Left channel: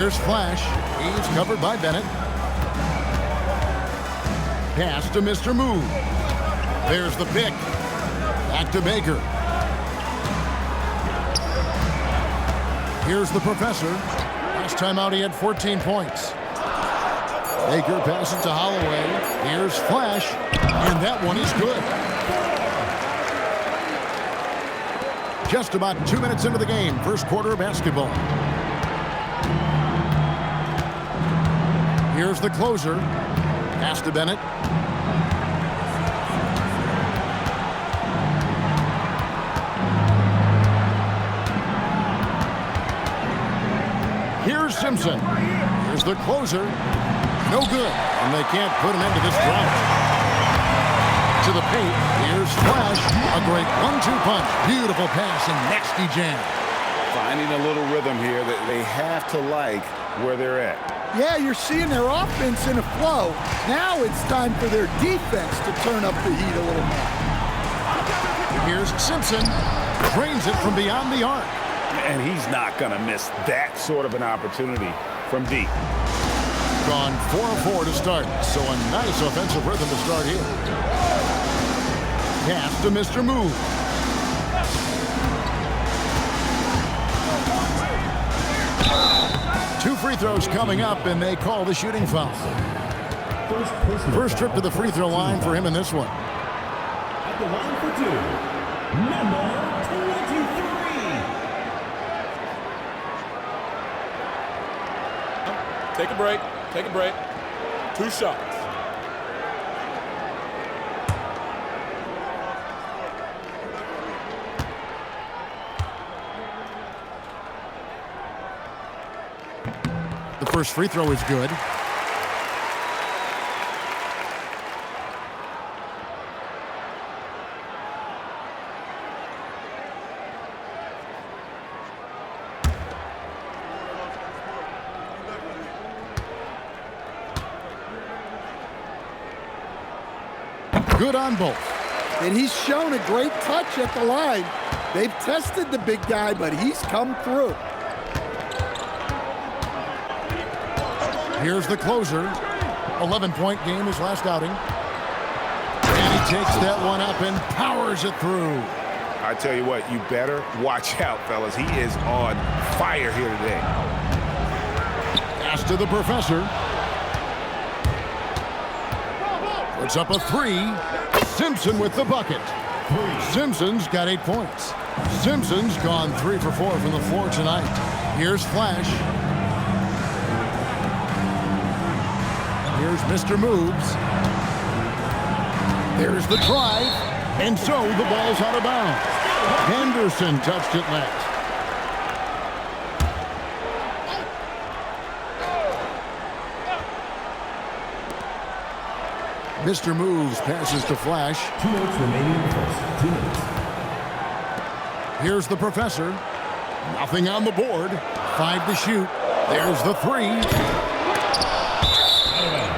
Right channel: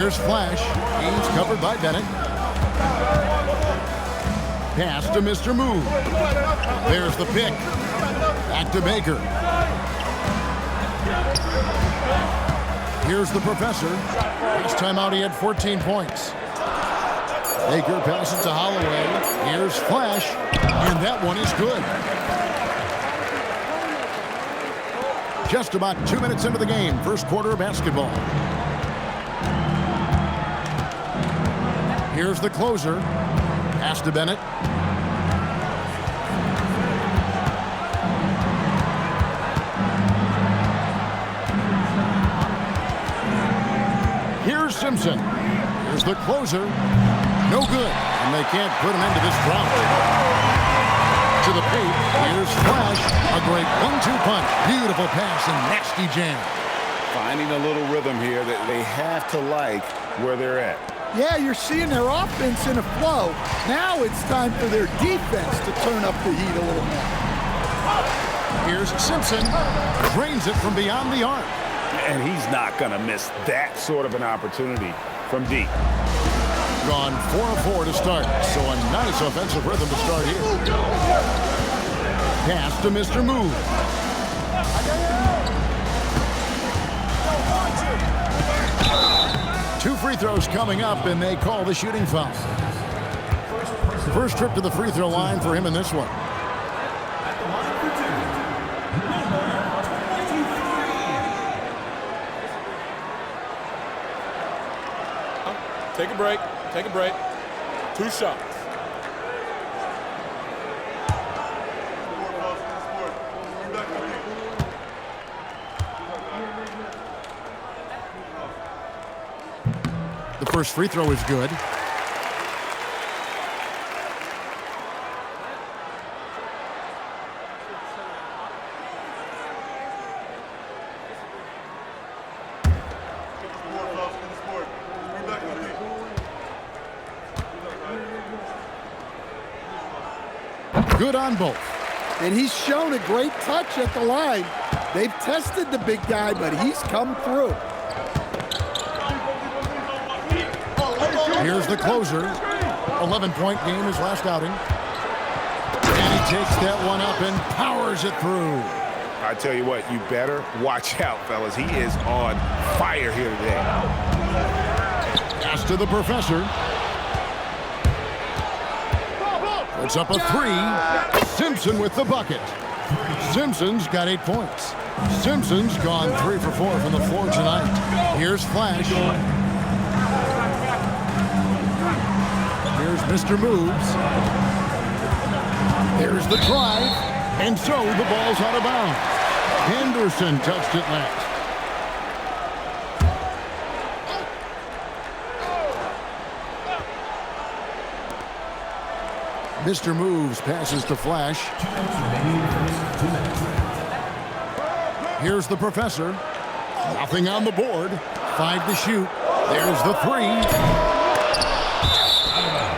Here's Flash. He's covered by Bennett. Pass to Mr. Move. There's the pick. Back to Baker. Here's the Professor. Last time out he had 14 points. Baker passes to Holloway. Here's Flash. And that one is good. Just about 2 minutes into the game. First quarter of basketball. Here's the closer. Pass to Bennett. Here's Simpson. Here's the closer. No good. And they can't put an end to this drought. To the paint. Here's Flash. A great 1-2 punch. Beautiful pass and nasty jam. Finding a little rhythm here that they have to like where they're at. Yeah, you're seeing their offense in a flow. Now it's time for their defense to turn up the heat a little more. Here's Simpson. Drains it from beyond the arc. And he's not going to miss that sort of an opportunity from deep. Gone 4 of 4 to start. So a nice offensive rhythm to start here. Pass to Mr. Move. Two free throws coming up, and they call the shooting foul. First trip to the free throw line for him in this one. At the line for two, number 23. Take a break. Take a break. 2 shots. The first free throw is good. Good on both. And he's shown a great touch at the line. They've tested the big guy, but he's come through. Here's the closer. 11-point game his last outing. And he takes that one up and powers it through. I tell you what, you better watch out, fellas. He is on fire here today. Pass to the Professor. Puts up a 3. Simpson with the bucket. Simpson's got 8 points. Simpson's gone 3 for 4 from the floor tonight. Here's Flash. Here's Mr. Moves. There's the drive. And so the ball's out of bounds. Henderson touched it last. Mr. Moves passes to Flash. 2 minutes remaining in the first 2 minutes. Here's the Professor. Nothing on the board. 5 to shoot. There's the 3.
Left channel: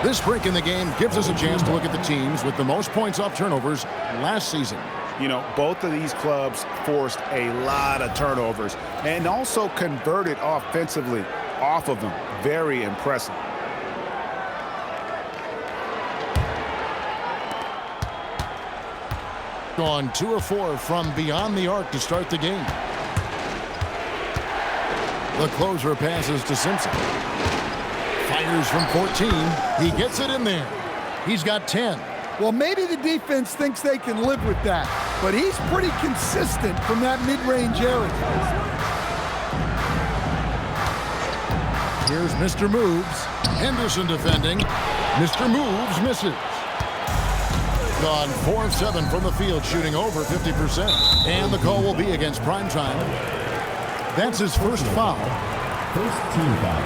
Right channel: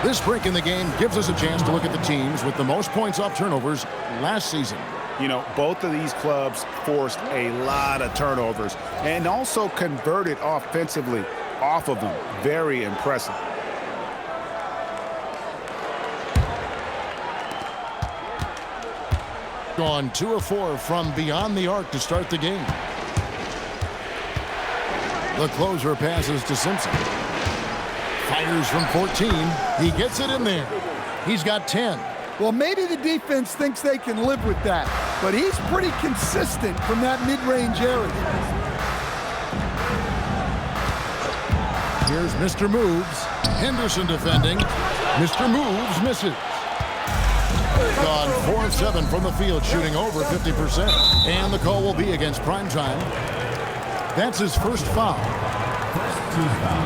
This break in the game gives us a chance to look at the teams with the most points off turnovers last season. You know, both of these clubs forced a lot of turnovers and also converted offensively off of them. Very impressive. Gone 2 of 4 from beyond the arc to start the game. The closer passes to Simpson. Fires from 14. He gets it in there. He's got 10. Well, maybe the defense thinks they can live with that, but he's pretty consistent from that mid-range area. Here's Mr. Moves. Henderson defending. Mr. Moves misses. Gone 4 of 7 from the field, shooting over 50%. And the call will be against Primetime. That's his first foul. First team foul.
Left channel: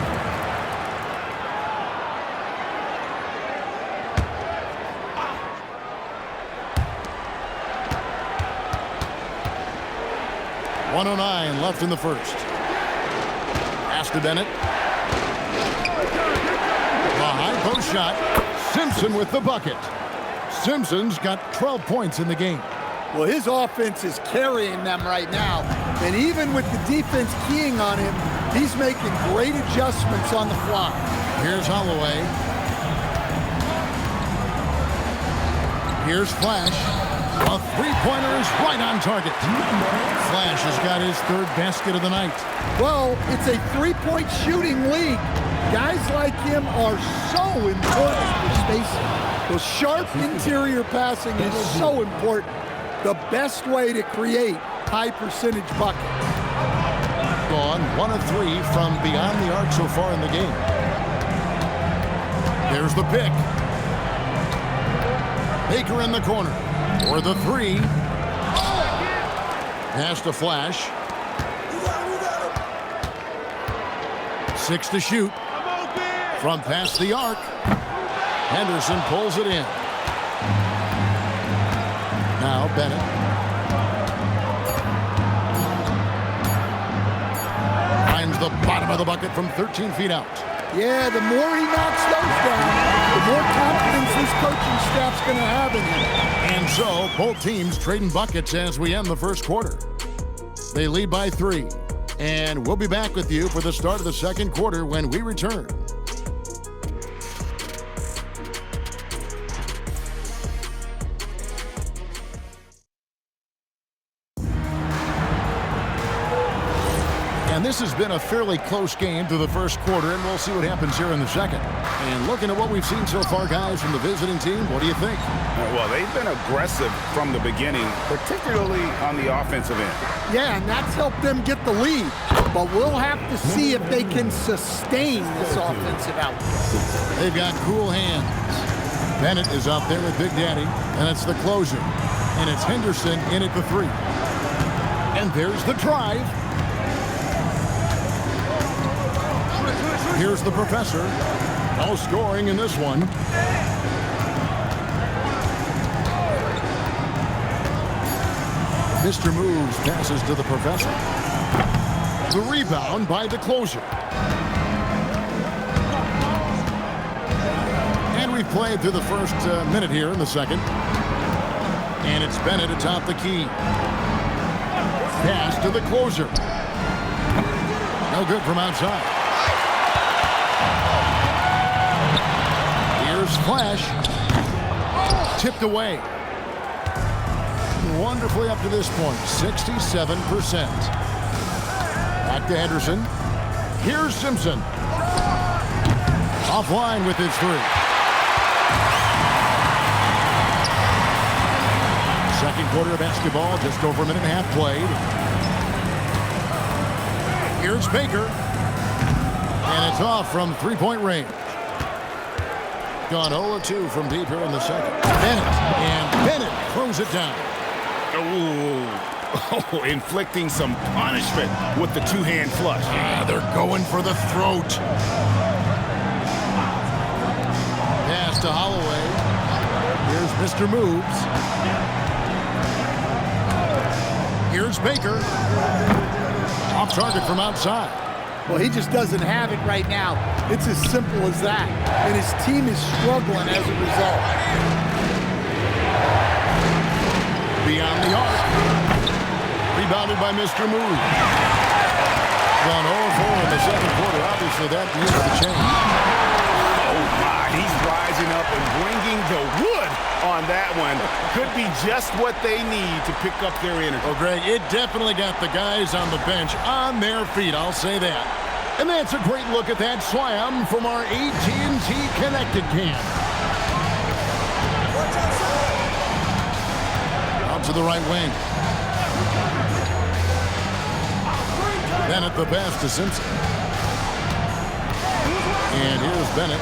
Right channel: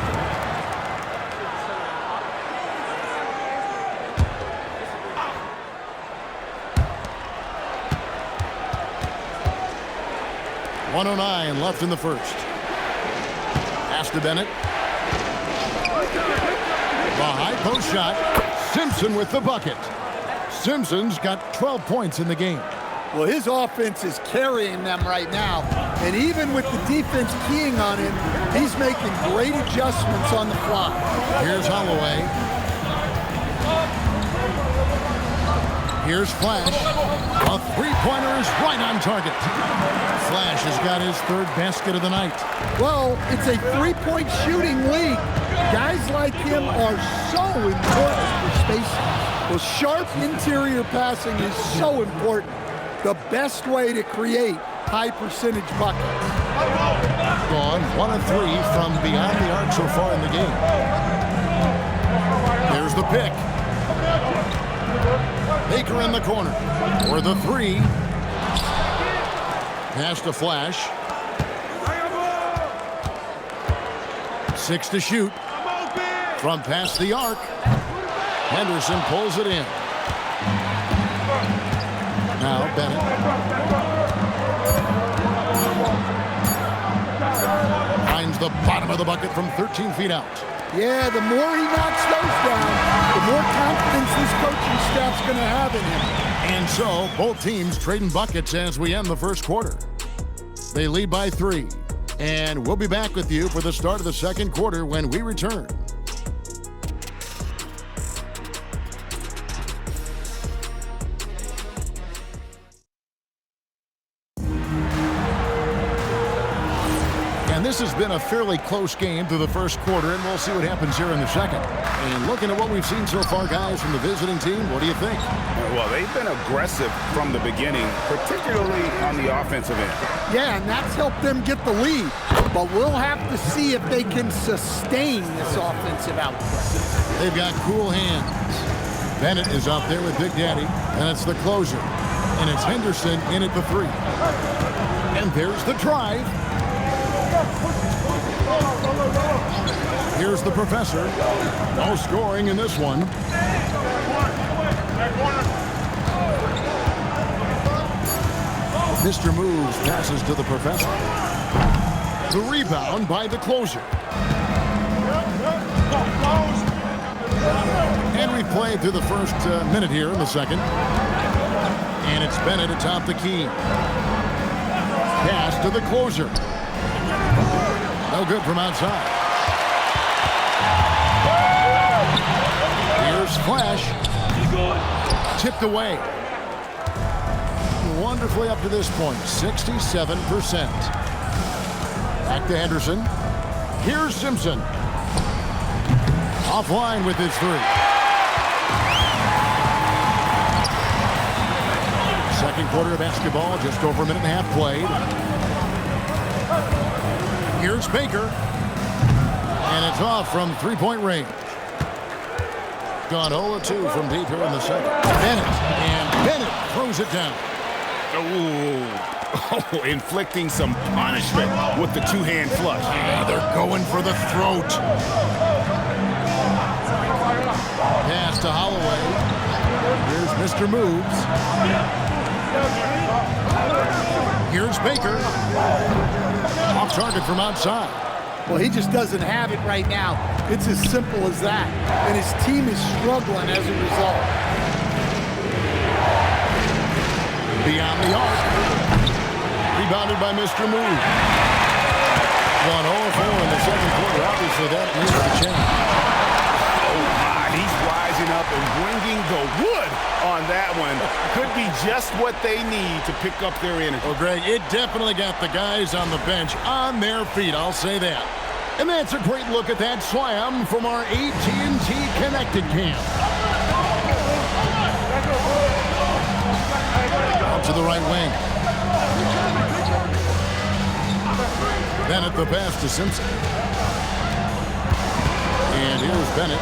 .109 left in the first. Pass to Bennett. The high post shot. Simpson with the bucket. Simpson's got 12 points in the game. Well, his offense is carrying them right now. And even with the defense keying on him, he's making great adjustments on the fly. Here's Holloway. Here's Flash. A three-pointer is right on target. Flash has got his third basket of the night. Well, it's a three-point shooting league. Guys like him are so important for spacing. The sharp interior passing is so important. The best way to create high-percentage buckets. Gone 1 of 3 from beyond the arc so far in the game. There's the pick. Baker in the corner for the three. Pass to Flash. 6 to shoot. From past the arc. Henderson pulls it in. Now Bennett. Finds the bottom of the bucket from 13 feet out. Yeah, the more he knocks those down, the more confidence this coaching staff's going to have in him. And so, both teams trading buckets as we end the first quarter. They lead by 3. And we'll be back with you for the start of the second quarter when we return. And this has been a fairly close game through the first quarter, and we'll see what happens here in the second. And looking at what we've seen so far, guys, from the visiting team, what do you think? Well, they've been aggressive from the beginning, particularly on the offensive end. Yeah, and that's helped them get the lead. But we'll have to see if they can sustain this offensive output. They've got cool hands. Bennett is out there with Big Daddy, and it's the closer. And it's Henderson in at the 3. And there's the drive. Here's the professor. No scoring in this one. Mr. Moves passes to the professor. The rebound by the closer. And we've played through the first minute here in the second. And it's Bennett atop the key. Pass to the closer. No good from outside. Here's Flash. Tipped away. Wonderfully up to this point, 67%. Back to Henderson. Here's Simpson. Offline with his 3. Second quarter of basketball, just over a minute and a half played. Here's Baker. And it's off from three-point range. Gone 0-2 from deep here in the second. Bennett throws it down. Oh, inflicting some punishment with the two-hand flush. Yeah, they're going for the throat. Pass to Holloway. Here's Mr. Moves. Here's Baker. Off target from outside. Well, he just doesn't have it right now. It's as simple as that. And his team is struggling as a result. Beyond the arc. Rebounded by Mr. Move. Gone 0-4 in the second quarter. Obviously, that needs to change. Oh, my. He's rising up and bringing the wood on that one. Could be just what they need to pick up their energy. Well, Greg, it definitely got the guys on the bench on their feet. I'll say that. And that's a great look at that slam from our AT&T Connected Cam. Out to the right wing. Bennett the pass to Simpson. And here's Bennett.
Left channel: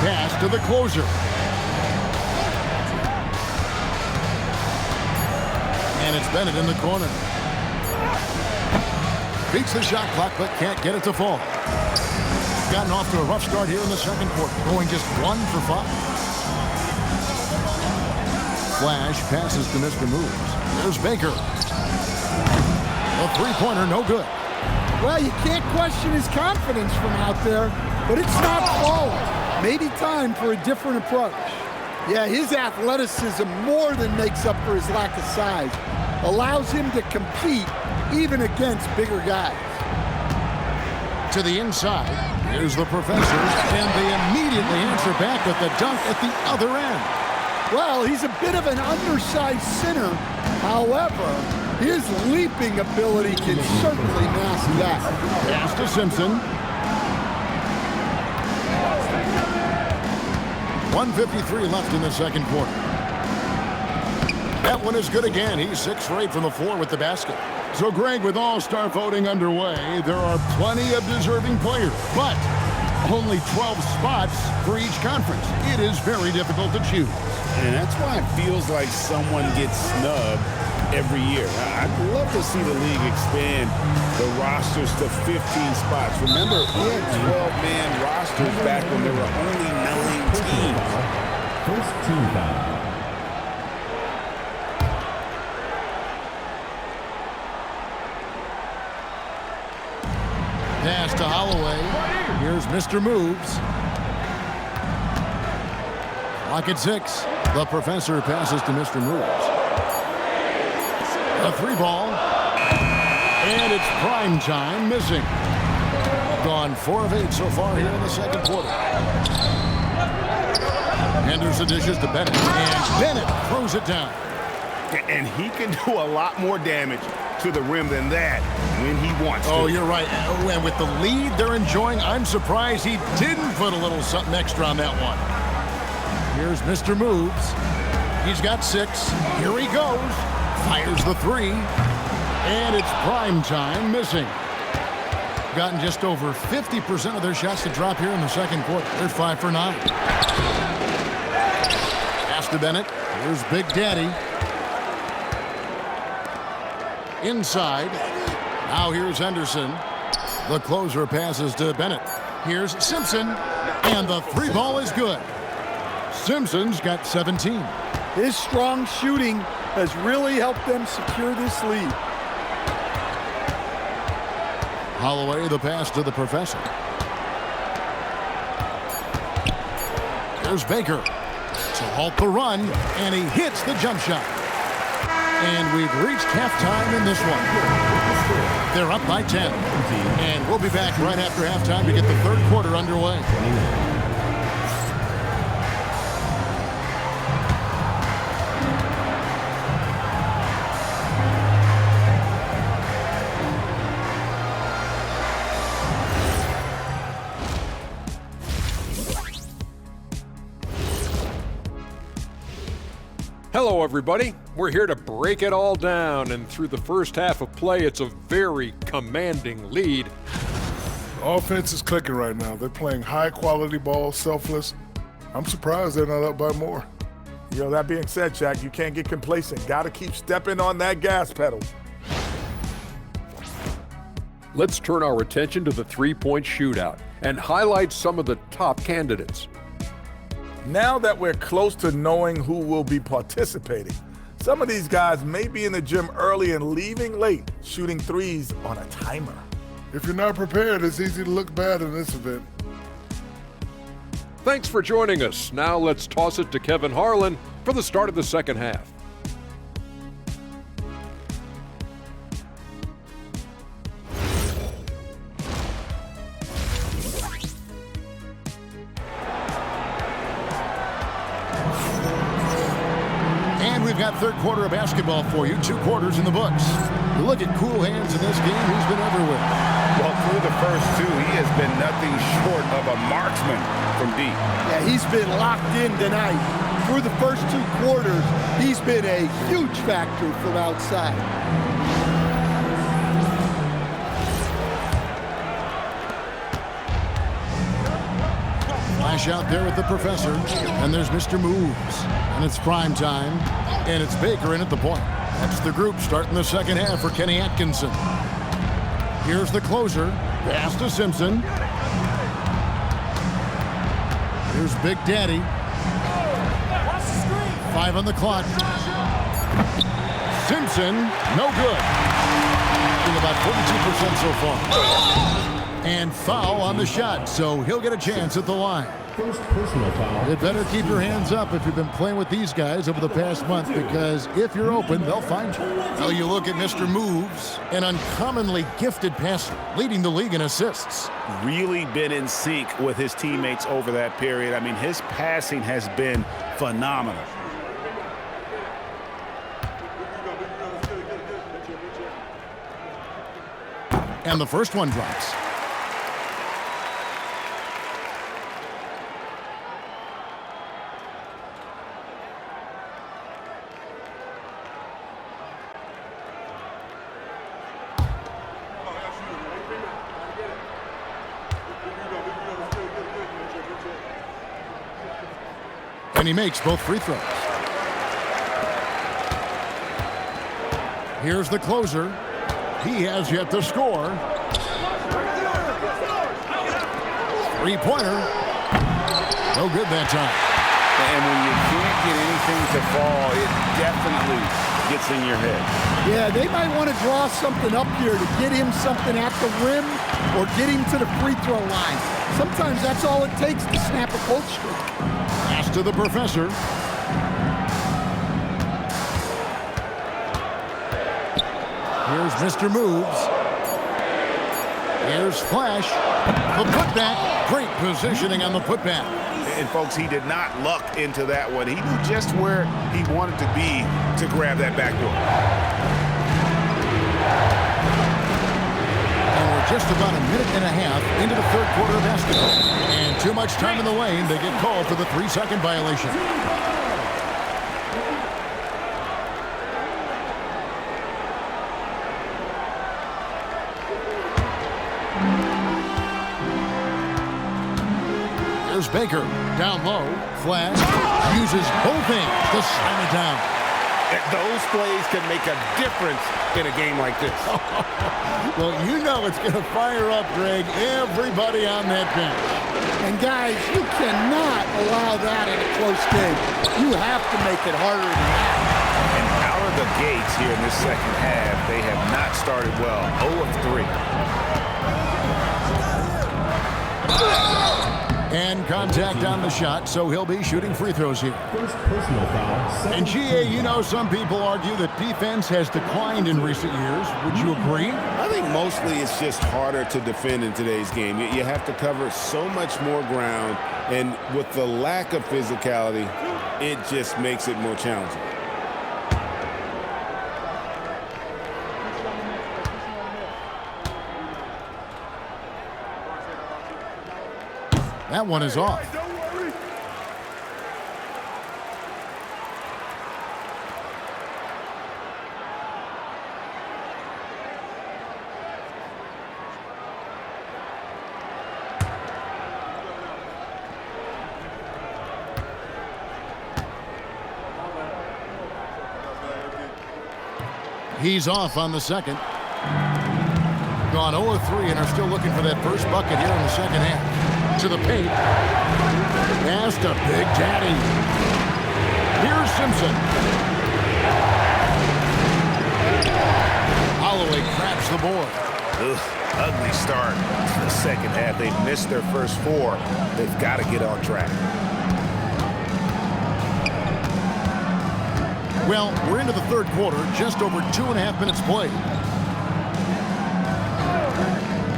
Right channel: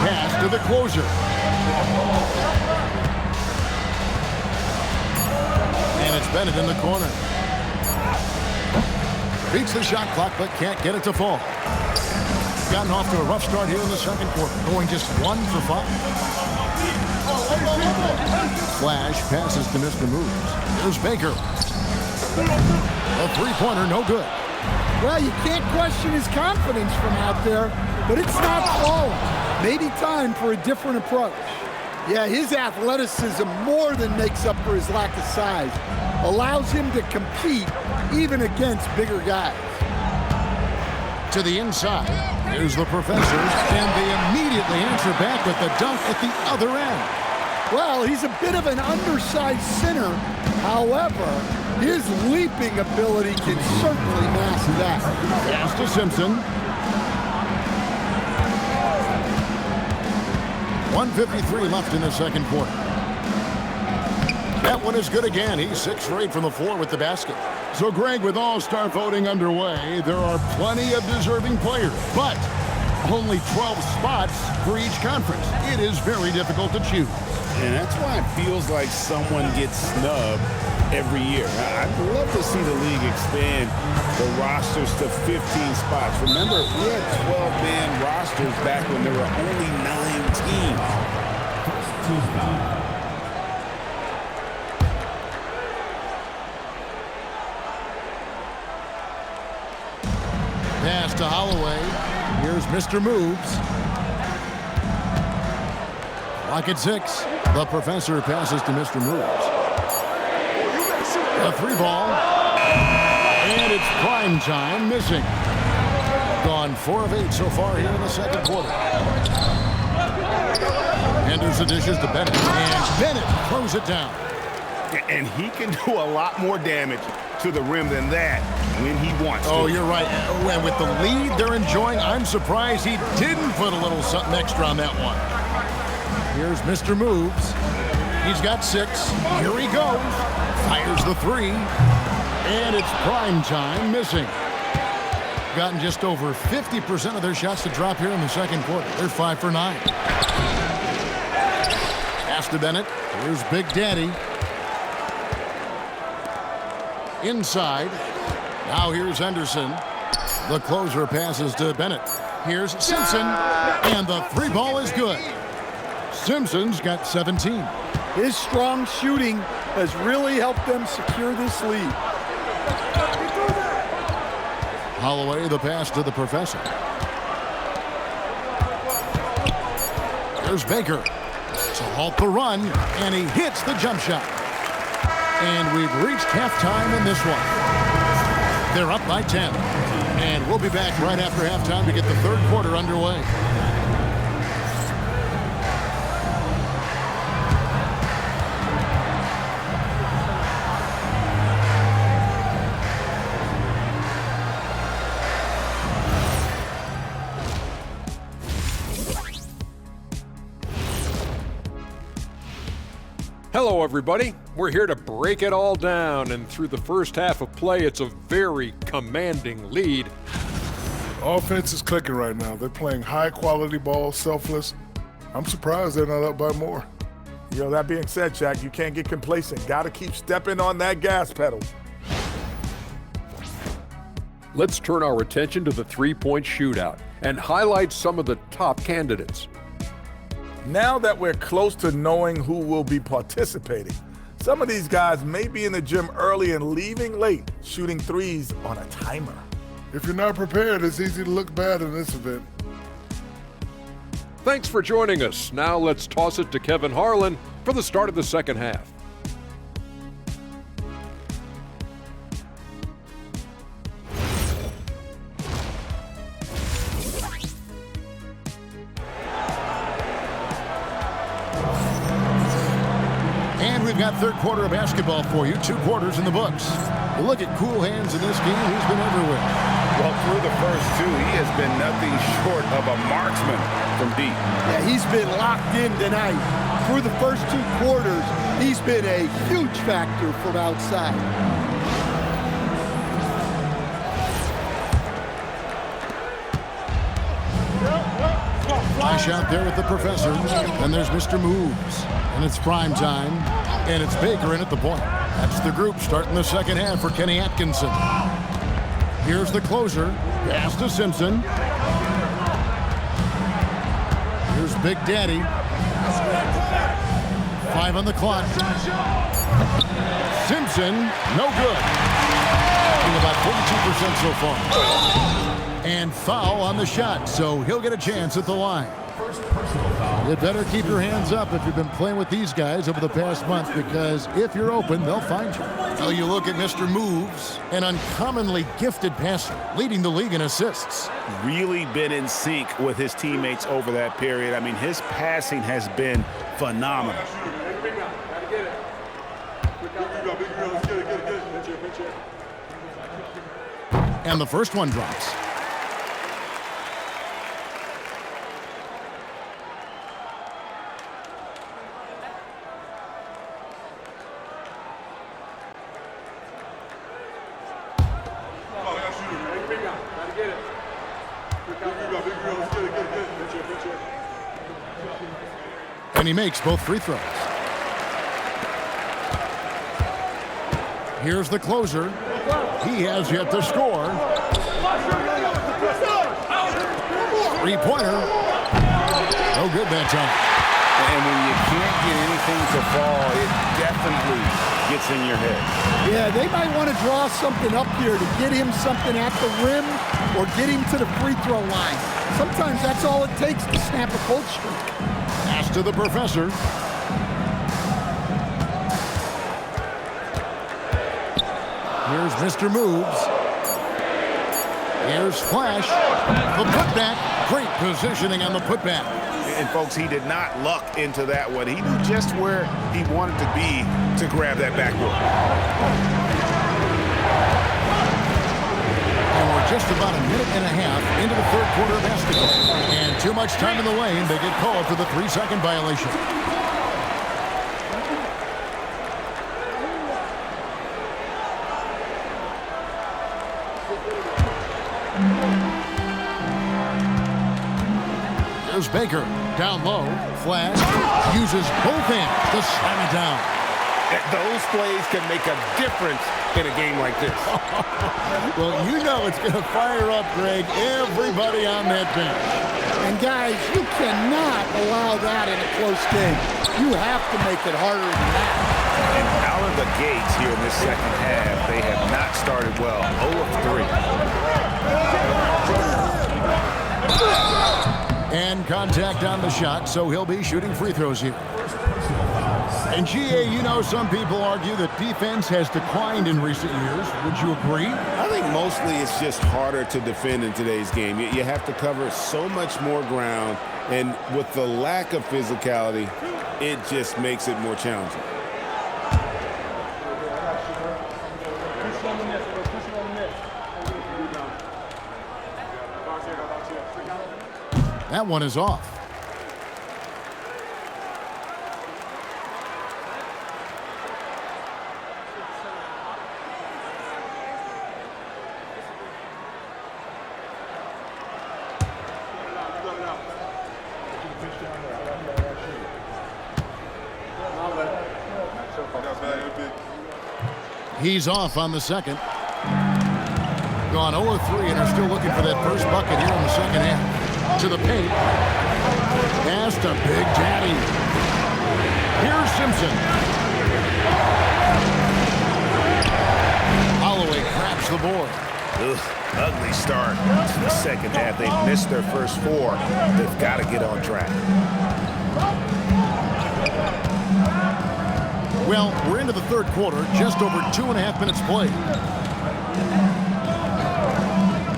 Pass to the closer. And it's Bennett in the corner. Beats the shot clock, but can't get it to fall. Gotten off to a rough start here in the second quarter, going just 1 for 5. Flash passes to Mr. Moves. There's Baker. A three-pointer, no good. Well, you can't question his confidence from out there, but it's not falling. Maybe time for a different approach. Yeah, his athleticism more than makes up for his lack of size. allows him to compete even against bigger guys. To the inside, here's the professor, and they immediately answer back with the dunk at the other end. Well, he's a bit of an undersized center. However, his leaping ability can certainly mask that. Pass to Simpson. 1:53 left in the second quarter. That one is good again. He's 6 for 8 from the floor with the basket. So, Greg, with All-Star voting underway, there are plenty of deserving players, but only 12 spots for each conference. It is very difficult to choose. And that's why it feels like someone gets snubbed every year. I'd love to see the league expand the rosters to 15 spots. Remember, we had 12-man rosters back when there were only 9 teams. First team foul. Pass to Holloway. Here's Mr. Moves. Clock at 6. The professor passes to Mr. Moves. A 3 ball. And it's prime time missing. Gone 4 of 8 so far here in the second quarter. Henderson dishes to Bennett. And Bennett throws it down. And he can do a lot more damage to the rim than that when he wants to. Oh, you're right. And with the lead they're enjoying, I'm surprised he didn't put a little something extra on that one. Here's Mr. Moves. He's got 6. Here he goes. Fires the 3. And it's prime time missing. Gotten just over 50% of their shots to drop here in the second quarter. They're 5 for 9. Pass to Bennett. Here's Big Daddy. Inside. Now here's Henderson. The closer passes to Bennett. Here's Simpson. And the 3 ball is good. Simpson's got 17. His strong shooting has really helped them secure this lead. Holloway, the pass to the professor. Here's Baker to halt the run, and he hits the jump shot. And we've reached halftime in this one. They're up by 10. And we'll be back right after halftime to get the third quarter underway. Hello, everybody. We're here to break it all down, and through the first half of play, it's a very commanding lead. Offense is clicking right now. They're playing high-quality ball, selfless. I'm surprised they're not up by more. You know, that being said, Shaq, you can't get complacent. Got to keep stepping on that gas pedal. Let's turn our attention to the three-point shootout and highlight some of the top candidates. Now that we're close to knowing who will be participating, some of these guys may be in the gym early and leaving late, shooting threes on a timer. If you're not prepared, it's easy to look bad in this event. Thanks for joining us. Now let's toss it to Kevin Harlan for the start of the second half. And we've got third quarter of basketball for you. 2 quarters in the books. You look at Cool Hands in this game, he's been everywhere. Well, through the first 2, he has been nothing short of a marksman from deep. Yeah, he's been locked in tonight. Through the first 2 quarters, he's been a huge factor from outside. Flash out there with the professor. And there's Mr. Moves. And it's prime time. And it's Baker in at the point. That's the group starting the second half for Kenny Atkinson. Here's the closer. Pass to Simpson. Here's Big Daddy. 5 on the clock. Simpson, no good. Shooting about 42% so far. And foul on the shot, so he'll get a chance at the line. First personal foul. You'd better keep your hands up if you've been playing with these guys over the past month, because if you're open, they'll find you. Now you look at Mr. Moves, an uncommonly gifted passer, leading the league in assists. Really been in sync with his teammates over that period. I mean, his passing has been phenomenal. And the first one drops. And he makes both free throws. Here's the closer. He has yet to score. Three-pointer. No good that time. And when you can't get anything to fall, it definitely gets in your head. Yeah, they might want to draw something up here to get him something at the rim or get him to the free throw line. Sometimes that's all it takes to snap a cold streak. Pass to the professor. Here's Mr. Moves. Here's Flash. The putback. Great positioning on the putback. And folks, he did not luck into that one. He knew just where he wanted to be to grab that backboard. And we're just about a minute and a half into the third quarter of basketball. And too much time in the lane. They get called for the 3-second violation. There's Baker. Down low. Flash. Uses both hands to slam it down. Those plays can make a difference in a game like this. Well, you know it's going to fire up, Greg, everybody on that bench. And guys, you cannot allow that in a close game. You have to make it harder than that. And out of the gates here in this second half, they have not started well. 0 of 3. And contact on the shot, so he'll be shooting free throws here. First personal foul. And GA, you know, some people argue that defense has declined in recent years. Would you agree? I think mostly it's just harder to defend in today's game. You have to cover so much more ground, and with the lack of physicality, it just makes it more challenging. That one is off. He's off on the second. Gone 0-3 and are still looking for that first bucket here in the second half. To the paint. Pass to Big Daddy. Here's Simpson. Holloway grabs the board. Ugh, ugly start to the second half. They've missed their first 4. They've got to get on track. Well, we're into the third quarter, just over 2.5 minutes played.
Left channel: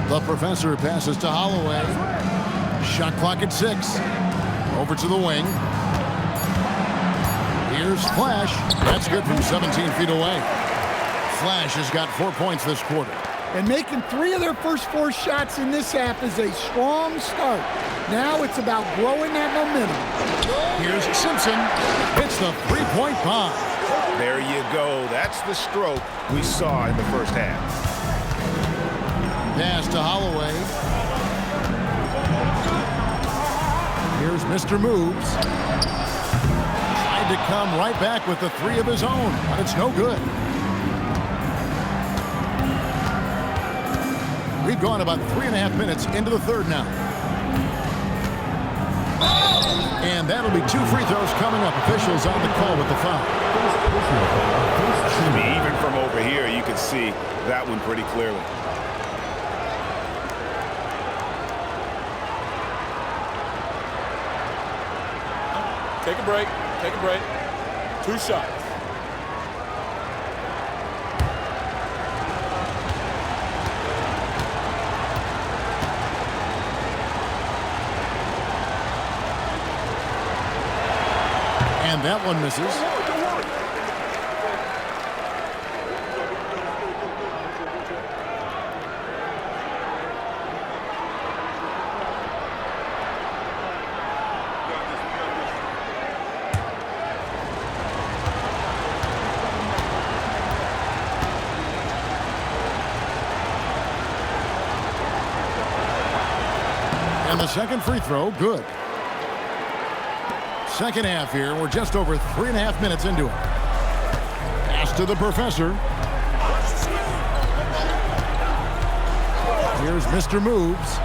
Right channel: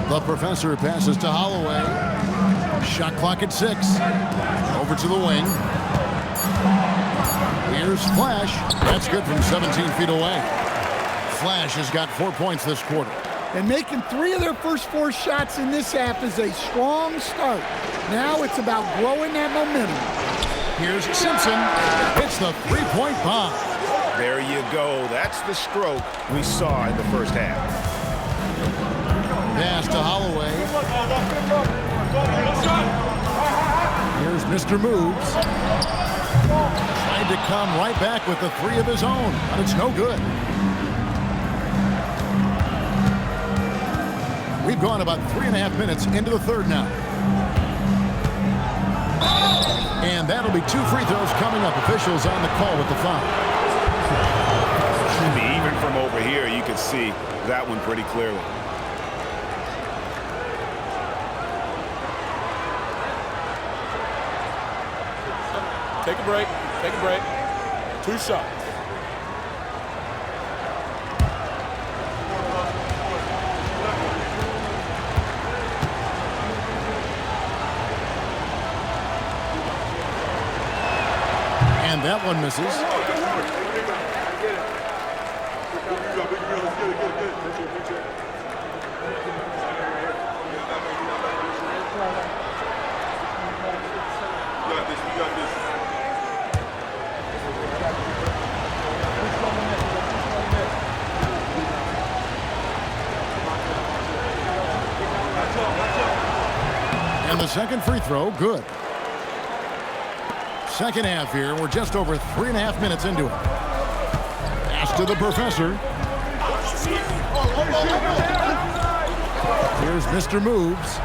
The professor passes to Holloway. Shot clock at 6. Over to the wing. Here's Flash. That's good from 17 feet away. Flash has got 4 points this quarter. And making 3 of their first 4 shots in this half is a strong start. Now it's about growing that momentum. Here's Simpson. It's the 3-point bomb. There you go. That's the stroke we saw in the first half. Pass to Holloway. Here's Mr. Moves. Tried to come right back with the 3 of his own, but it's no good. We've gone about 3.5 minutes into the third now. And that'll be 2 free throws coming up. Officials on the call with the foul. I mean, even from over here, you can see that one pretty clearly. Take a break. Take a break. 2 shots. And that one misses. And the second free throw, good. Second half here. We're just over 3.5 minutes into it. Pass to the professor. Here's Mr. Moves.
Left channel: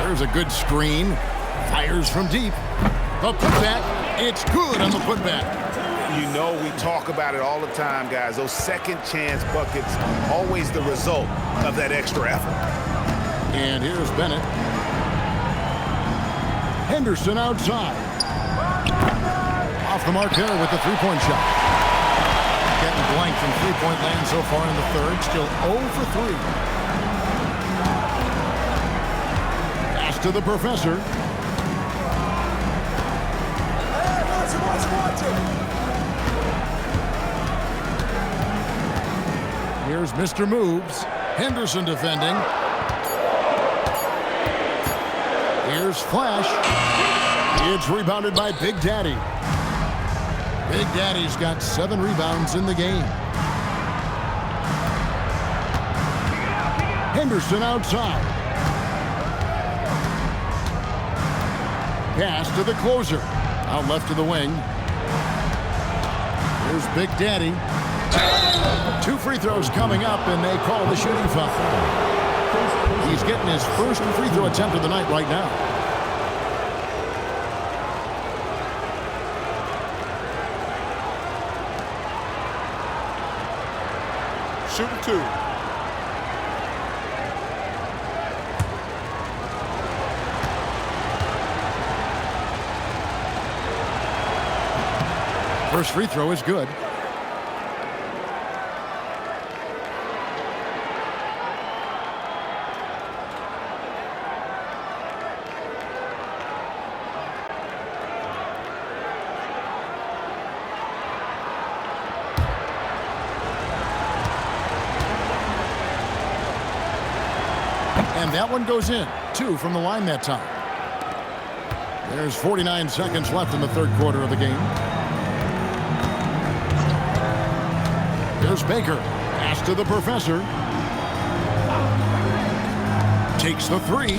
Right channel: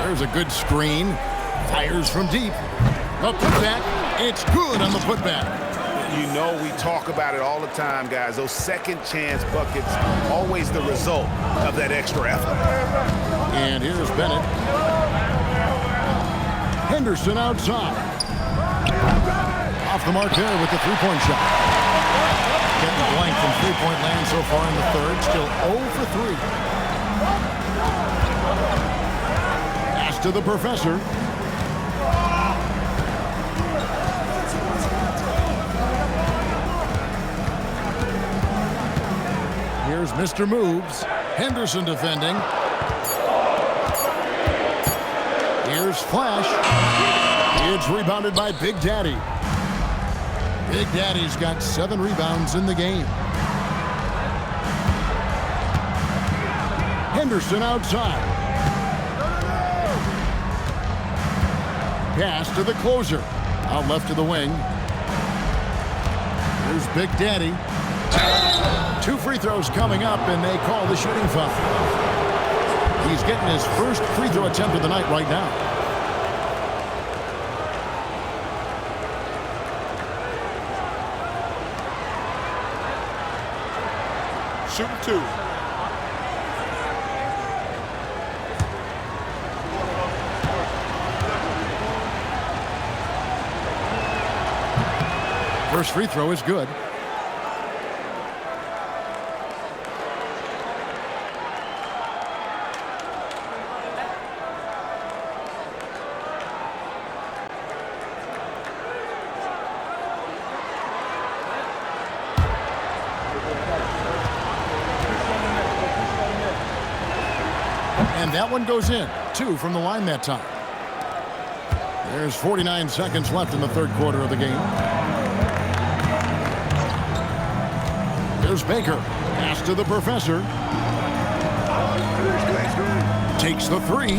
There's a good screen. Fires from deep. The putback. It's good on the putback. You know, we talk about it all the time, guys. Those second chance buckets, always the result of that extra effort. And here's Bennett. Henderson outside. Off the mark there with the three-point shot. Getting blank from three-point land so far in the third. Still 0 for 3. Pass to the professor. Here's Mr. Moves. Henderson defending. Here's Flash. It's rebounded by Big Daddy. Big Daddy's got 7 rebounds in the game. Henderson outside. Pass to the closer. Out left to the wing. Here's Big Daddy. 2 free throws coming up, and they call the shooting foul. He's getting his first free throw attempt of the night right now. Shooting 2. First free throw is good. And that one goes in. 2 from the line that time. There's 49 seconds left in the third quarter of the game. Here's Baker. Pass to the professor. Takes the 3.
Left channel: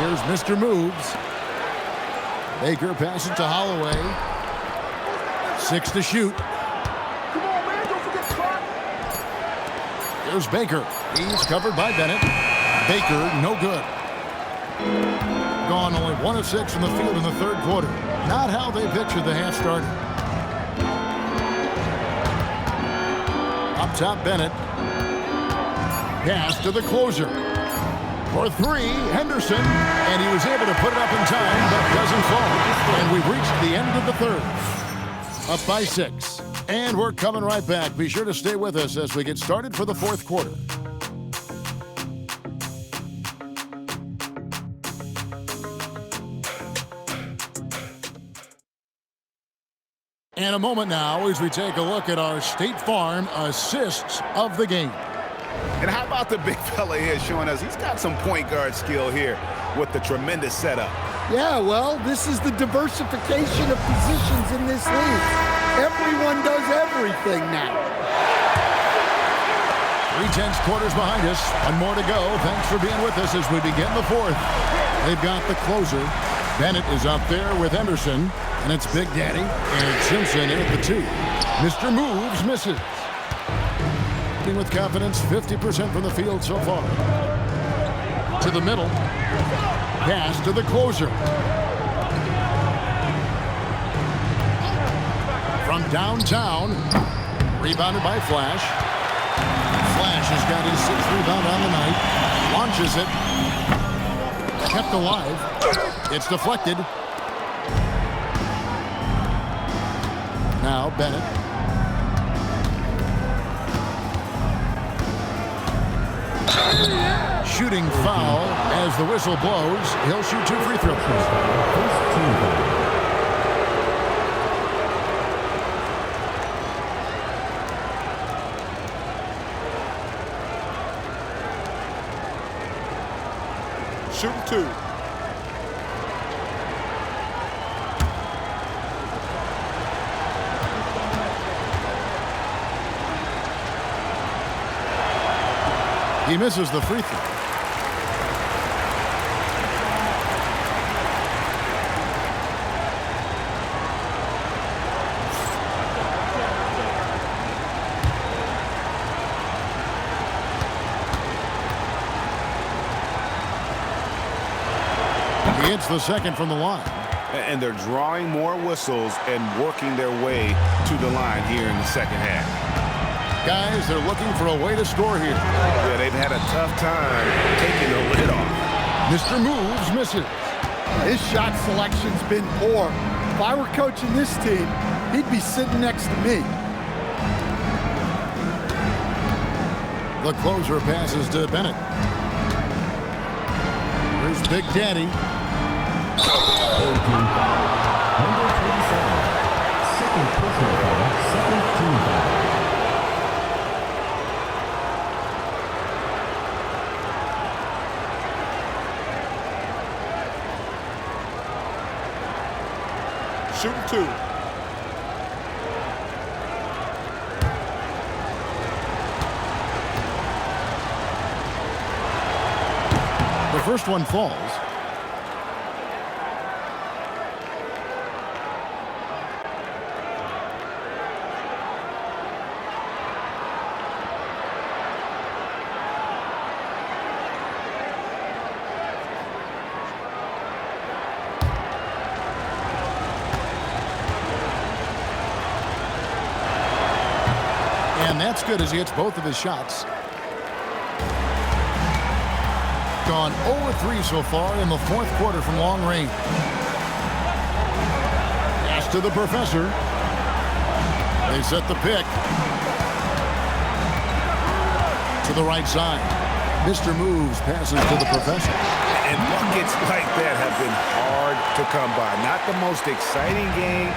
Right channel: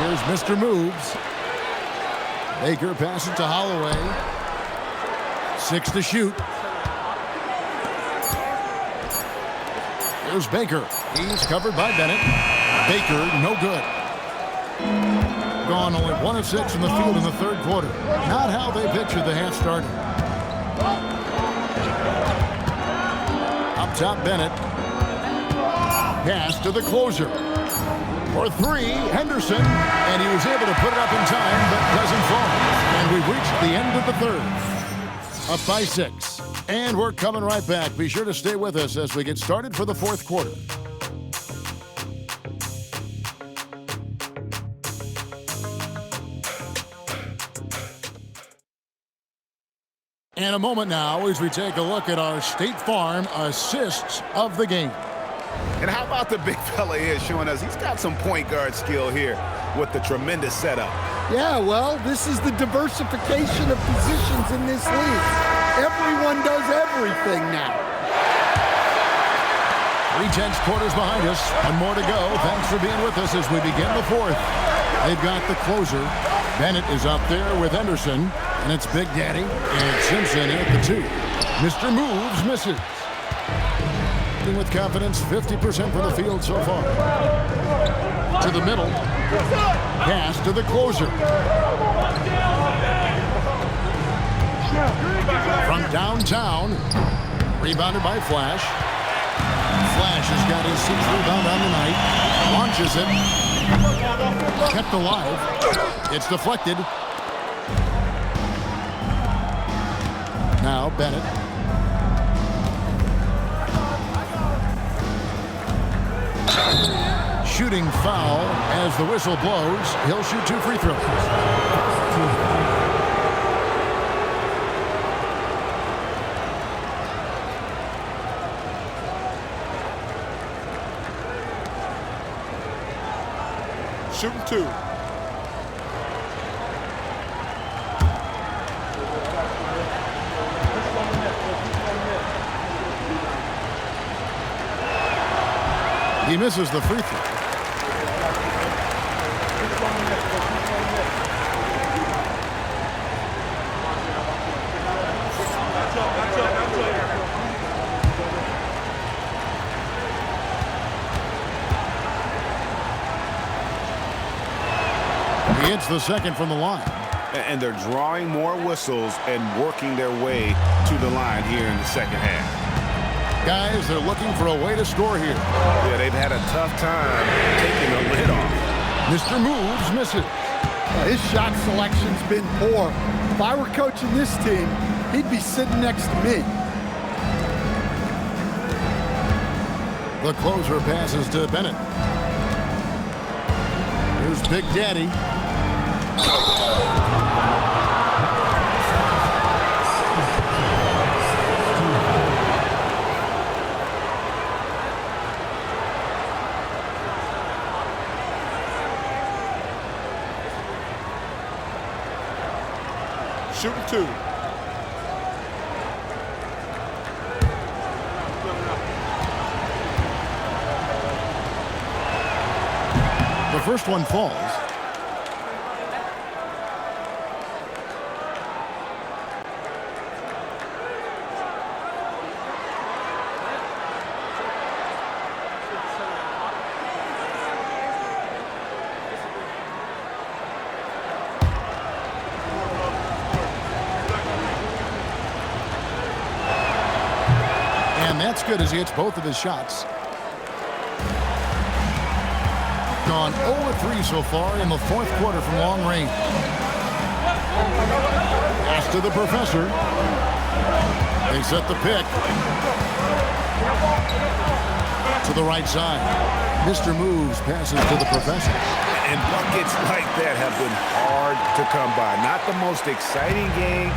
Here's Mr. Moves. Baker passes to Holloway. 6 to shoot. Here's Baker. He's covered by Bennett. Baker, no good. Gone only 1 of 6 from the field in the third quarter. Not how they pictured the half starting. Up top, Bennett. Pass to the closer. For 3, Henderson. And he was able to put it up in time, but doesn't fall. And we've reached the end of the third. Up by 6. And we're coming right back. Be sure to stay with us as we get started for the fourth quarter. And a moment now as we take a look at our State Farm assists of the game. And how about the big fella here showing us he's got some point guard skill here with the tremendous setup. Yeah, well, this is the diversification of positions in this league. Everyone does everything now. 3/10 quarters behind us. 1 more to go. Thanks for being with us as we begin the fourth. They've got the closer. Bennett is up there with Henderson. And it's Big Daddy and Simpson in at the 2. Mr. Moves misses. With confidence, 50% from the field so far. To the middle. Pass to the closer. From downtown. Rebounded by Flash. Flash has got his 6th rebound on the night. Launches it. Kept alive. It's deflected. Now Bennett. Shooting foul as the whistle blows. He'll shoot 2 free throws. Shooting 2. He misses the free throw. He hits the second from the line. And they're drawing more whistles and working their way to the line here in the second half. Guys, they're looking for a way to score here. Yeah, they've had a tough time taking the lid off. Mr. Moves misses. His shot selection's been poor. If I were coaching this team, he'd be sitting next to me. The closer passes to Bennett. Here's Big Daddy. Shooting 2. The first one falls. And that's good as he hits both of his shots. Gone 0-3 so far in the fourth quarter from long range. Pass to the professor. They set the pick. To the right side. Mr. Moves passes to the professor. And buckets like that have been hard to come by. Not the most exciting game.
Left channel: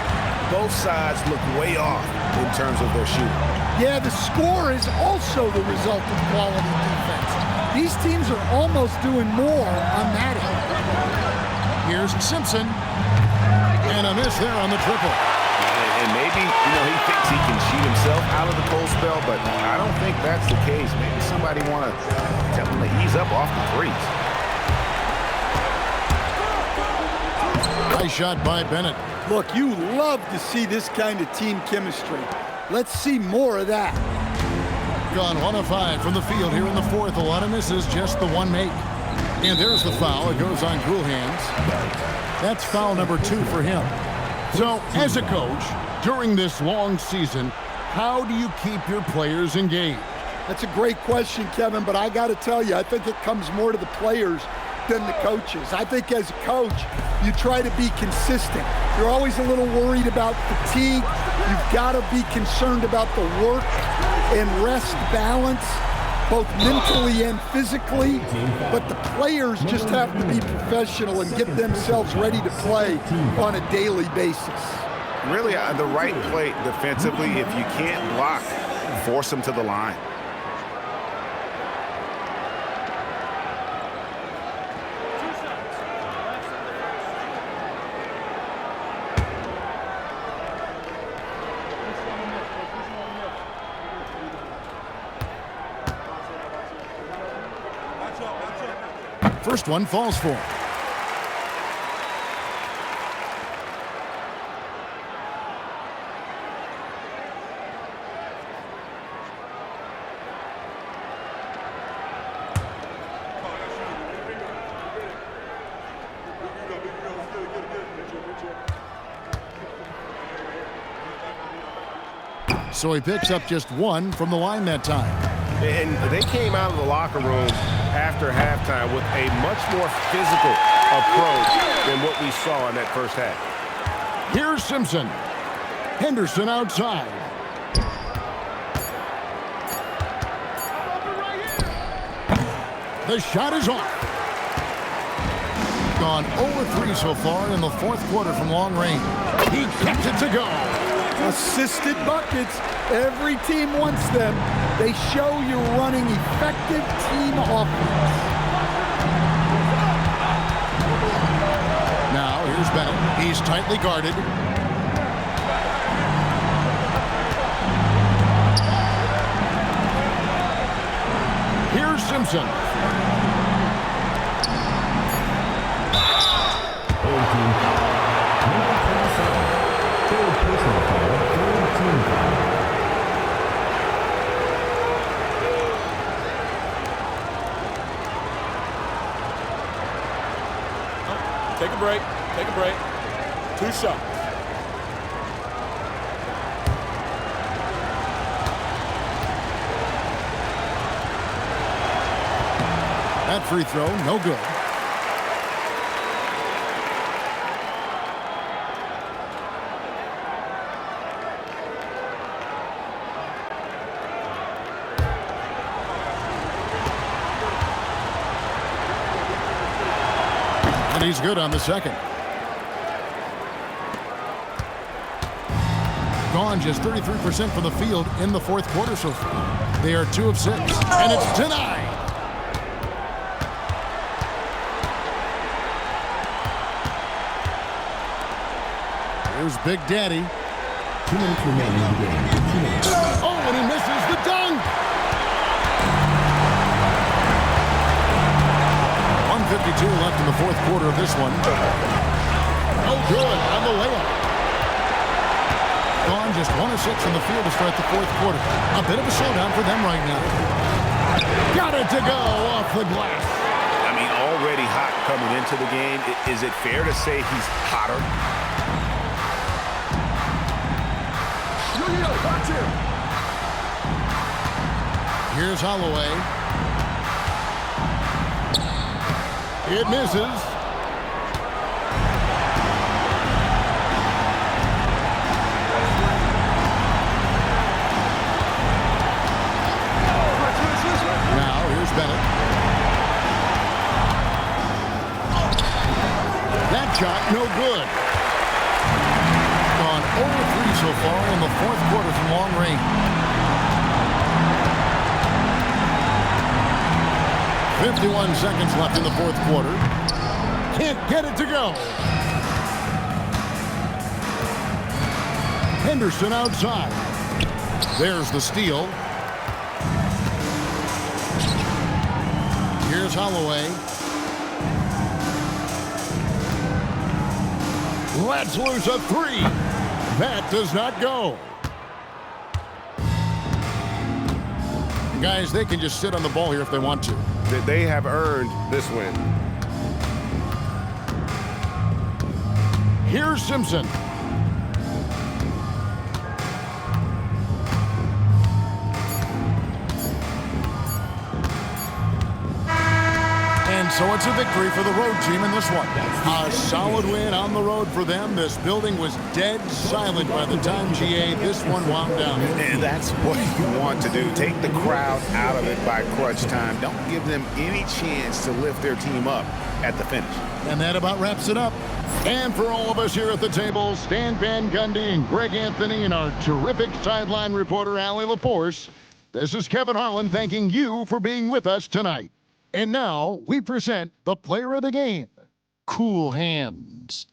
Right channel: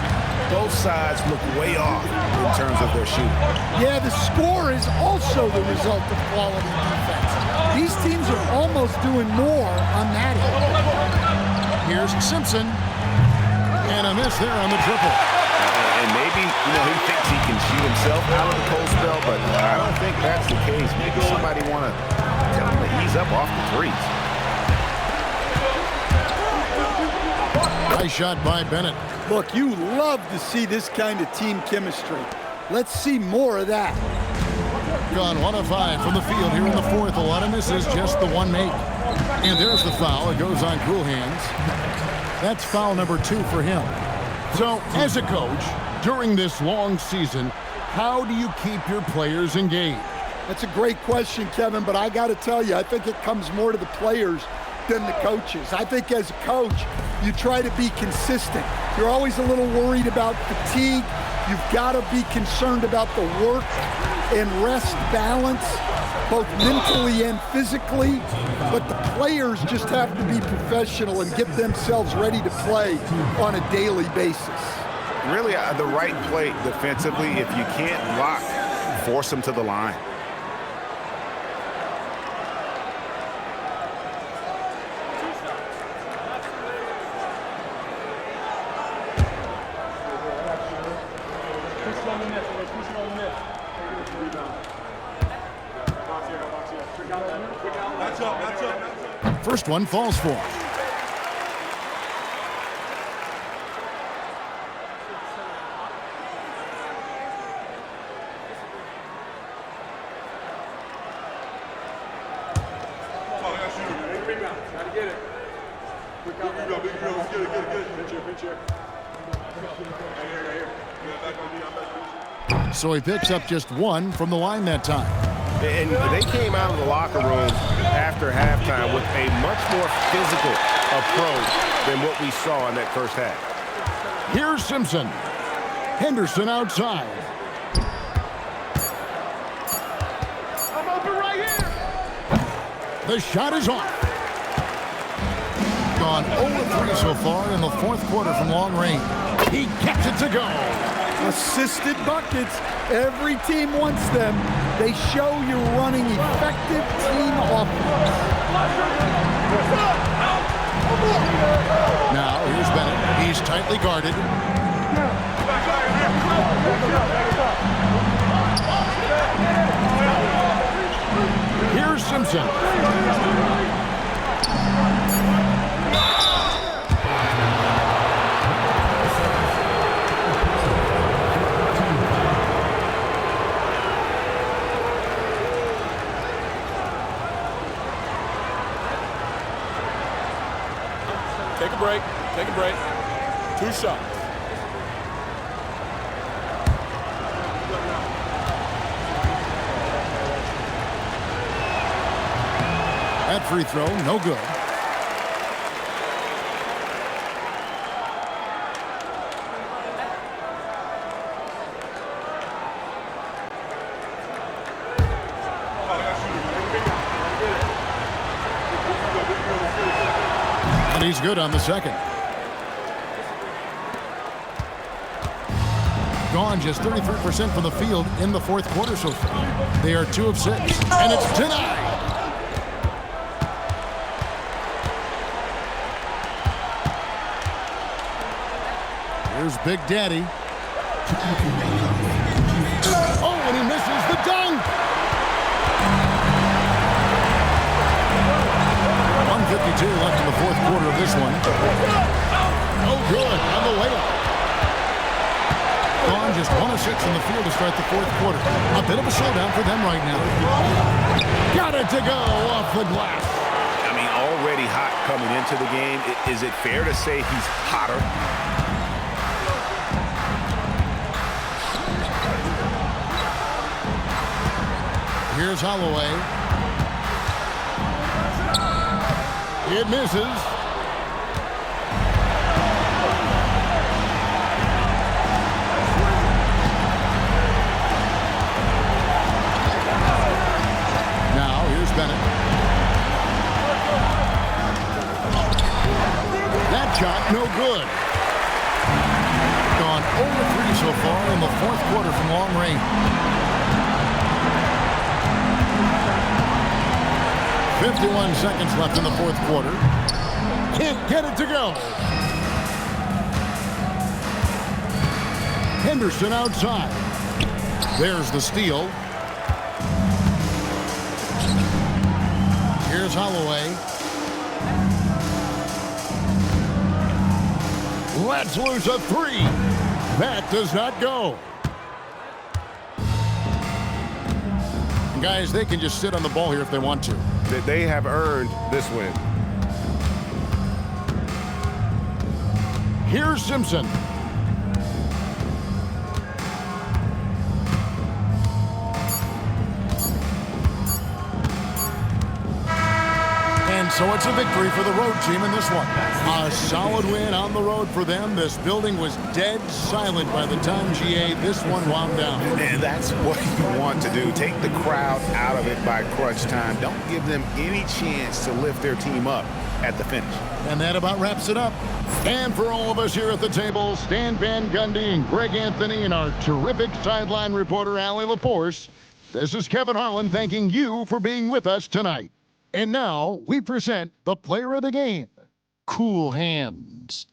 Both sides look way off in terms of their shooting. Yeah, the score is also the result of quality defense. These teams are almost doing more on that end. Here's Simpson. And a miss there on the triple. And maybe, he thinks he can shoot himself out of the cold spell, but I don't think that's the case. Maybe somebody want to tell him to ease up off the threes. Nice shot by Bennett. Look, you love to see this kind of team chemistry. Let's see more of that. Gone 1 of 5 from the field here in the fourth. A lot of misses, just the one make. And there's the foul. It goes on cool hands. That's foul number 2 for him. So, as a coach, during this long season, how do you keep your players engaged? That's a great question, Kevin, but I got to tell you, I think it comes more to the players than the coaches. I think as a coach, you try to be consistent. You're always a little worried about fatigue. You've got to be concerned about the work and rest balance, both mentally and physically. But the players just have to be professional and get themselves ready to play on a daily basis. Really, the right play defensively. If you can't block, force them to the line. First one falls for him. So he picks up just one from the line that time. And they came out of the locker room after halftime with a much more physical approach than what we saw in that first half. Here's Simpson. Henderson outside. I'm open right here. The shot is off. Gone 0-3 so far in the fourth quarter from long range. He kept it to go. Assisted buckets. Every team wants them. They show you're running effective team offense. Now, here's Bennett. He's tightly guarded. Here's Simpson. Take a break. Take a break. 2 shots. That free throw, no good. And he's good on the second. Gone just 33% from the field in the fourth quarter so far. They are 2 of 6, and it's denied. Here's Big Daddy. Oh, and he misses the dunk. 1:52 left in the fourth quarter of this one. No good on the layup. Gone just 1 of 6 from the field to start the fourth quarter. A bit of a slowdown for them right now. Got it to go off the glass. I mean, already hot coming into the game. Is it fair to say he's hotter? Here's Holloway. It misses. Now, here's Bennett. That shot, no good. Gone 0-3 so far in the fourth quarter from long range. 51 seconds left in the fourth quarter. Can't get it to go. Henderson outside. There's the steal. Here's Holloway. Let's lose a 3. That does not go. And guys, they can just sit on the ball here if they want to. They have earned this win. Here's Simpson. And so it's a victory for the road team in this one. A solid win on the road for them. This building was dead silent by the time, GA, this one wound down. And that's what you want to do. Take the crowd out of it by crunch time. Don't give them any chance to lift their team up at the finish. And that about wraps it up. And for all of us here at the table, Stan Van Gundy and Greg Anthony and our terrific sideline reporter, Allie LaForce, this is Kevin Harlan thanking you for being with us tonight. And now we present the player of the game, Cool Hands.